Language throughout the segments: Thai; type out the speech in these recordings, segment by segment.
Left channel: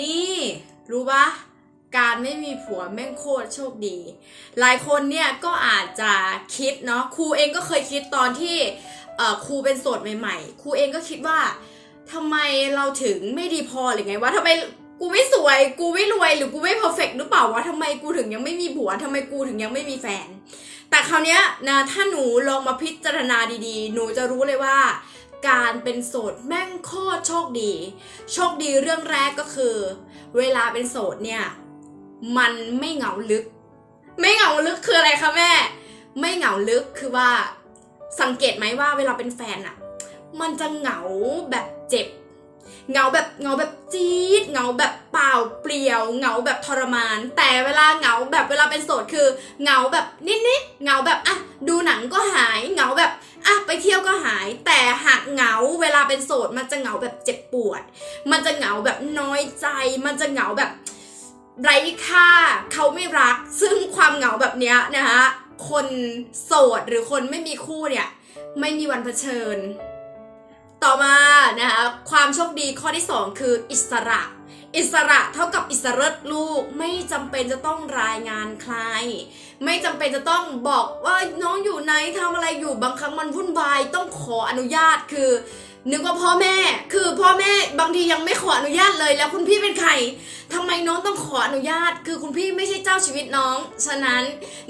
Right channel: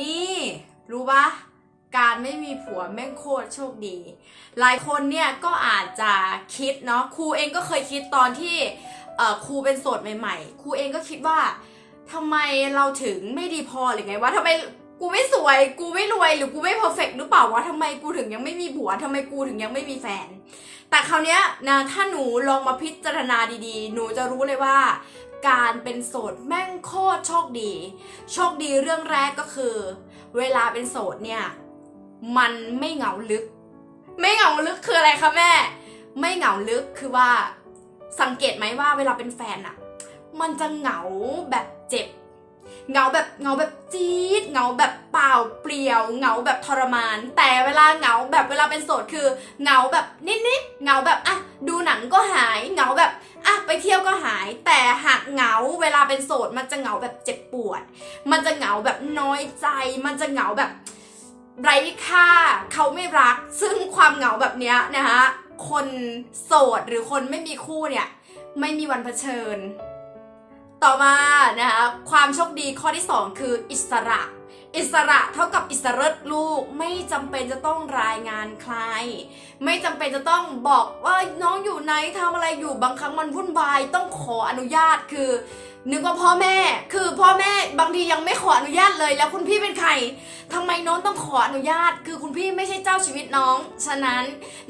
นี่รู้ปะการไม่มีผัวแม่งโคตรโชคดี หลายคนเนี่ยก็อาจจะคิดเนาะครูเองก็เคยคิดตอนที่ครูเป็นโสดใหม่ๆครูเองก็คิดว่าทำไมเราถึงไม่ดีพอหรือไงวะทำไมกูไม่สวย กูไม่รวยหรือกูไม่เพอร์เฟกหรือเปล่าวะทำไมกูถึงยังไม่มีผัวทำไมกูถึงยังไม่มีแฟน แต่คราวเนี้ยนะถ้าหนูลองมาพิจารณาดีๆ หนูจะรู้เลยว่า การเป็นโสดแม่งโคตรโชคดี โชคดีเรื่องแรกก็คือ เวลาเป็นโสดเนี่ย มันไม่เหงาลึก ไม่เหงาลึกคืออะไรคะแม่ ไม่เหงาลึกคือว่า สังเกตไหมว่าเวลาเป็นแฟนอะมันจะเหงาแบบเจ็บเหงาแบบเหงาแบบจี๊ดเหงาแบบเปล่าเปลี่ยวเหงาแบบทรมาน แต่เวลาเหงาแบบเวลาเป็นโสดคือเหงาแบบนิดๆเหงาแบบอะดูหนังก็หายเหงาแบบ อะไปเที่ยวก็หาย แต่หากเหงาเวลาเป็นโสด มันจะเหงาแบบเจ็บปวด มันจะเหงาแบบน้อยใจ มันจะเหงาแบบไร้ค่า เขาไม่รัก ซึ่งความเหงาแบบเนี้ยนะคะคนโสดหรือคนไม่มีคู่เนี่ยไม่มีวันเผชิญ ต่อมานะคะความโชคดีข้อที่ 2 คืออิสระ อิสระเท่ากับอิสระลูกไม่จำเป็นจะต้องรายงานใคร ไม่จำเป็นจะต้องบอกว่าน้องอยู่ไหนทำอะไรอยู่บางครั้งมันวุ่นวายต้องขออนุญาตคือ นึกว่าพ่อแม่ คือพ่อแม่บางทียังไม่ขออนุญาตเลย แล้วคุณพี่เป็นใครทำไมน้องต้องขออนุญาต คือคุณพี่ไม่ใช่เจ้าชีวิตน้อง ฉะนั้น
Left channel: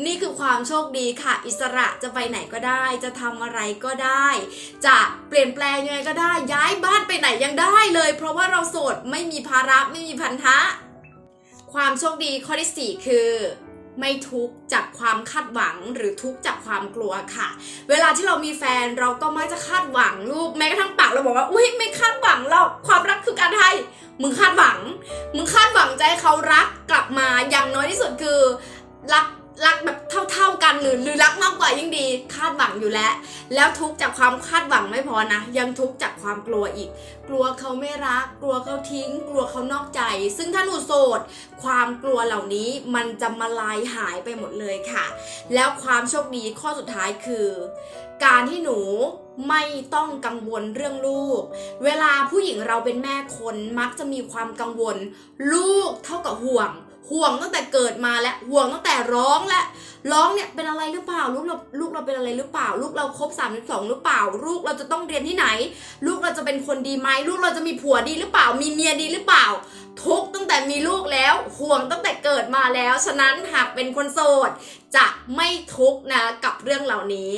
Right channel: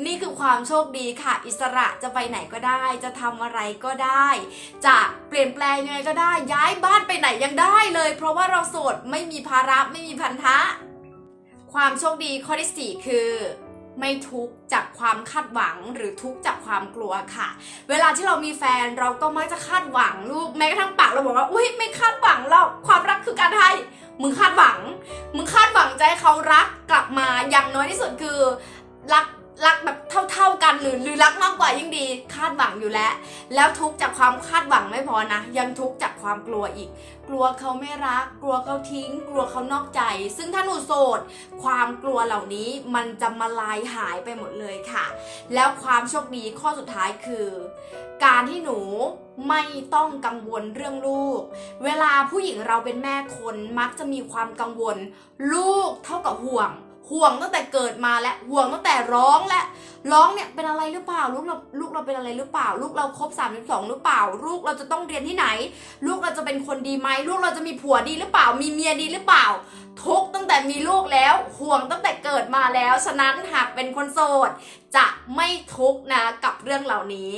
นี่คือความโชคดีค่ะ อิสระจะไปไหนก็ได้ จะทำอะไรก็ได้ จะเปลี่ยนแปลงยังไงก็ได้ ย้ายบ้านไปไหนยังได้เลย เพราะว่าเราโสดไม่มีภาระไม่มีพันธะ ความโชคดีข้อที่4คือ ไม่ทุกจากความคาดหวังหรือทุกจากความกลัวค่ะ เวลาที่เรามีแฟนเราก็มักจะคาดหวังลูกแม้กระทั่งปากเราบอกว่าอุ้ยไม่คาดหวังหรอกความรักคือการให้มึงคาดหวัง มึงคาดหวังใจเขารักกลับมาอย่างน้อยที่สุดคือรักรักแบบ เท่าๆกันหรือหรือรักมากกว่ายิ่งดี คาดหวังอยู่แล้ว แล้วทุกข์จากความคาดหวังไม่พอนะ ยังทุกข์จากความกลัวอีก กลัวเขาไม่รัก กลัวเขาทิ้ง กลัวเขานอกใจ ซึ่งถ้าหนูโสด ความกลัวเหล่านี้มันจะมาลายหายไปหมดเลยค่ะ แล้วความโชคดีข้อสุดท้ายคือ การที่หนูไม่ต้องกังวลเรื่องลูก เวลาผู้หญิงเราเป็นแม่คนมักจะมีความกังวล ลูกเท่ากับห่วง ห่วงตั้งแต่เกิดมาและห่วงตั้งแต่ร้องและ ร้องเนี่ยเป็นอะไรหรือเปล่าลูกเราลูกเราเป็นอะไรหรือเปล่า ลูกเราครบ32หรือเปล่า ลูกเราจะต้องเรียนที่ไหน ลูกเราจะเป็นคนดีไหมลูกเราจะมีผัวดีหรือเปล่า มีเมียดีหรือเปล่า ทุกตั้งแต่มีลูกแล้วห่วงตั้งแต่เกิดมาแล้ว ฉะนั้นหากเป็นคนโสด จะไม่ทุกนะกับเรื่องเหล่านี้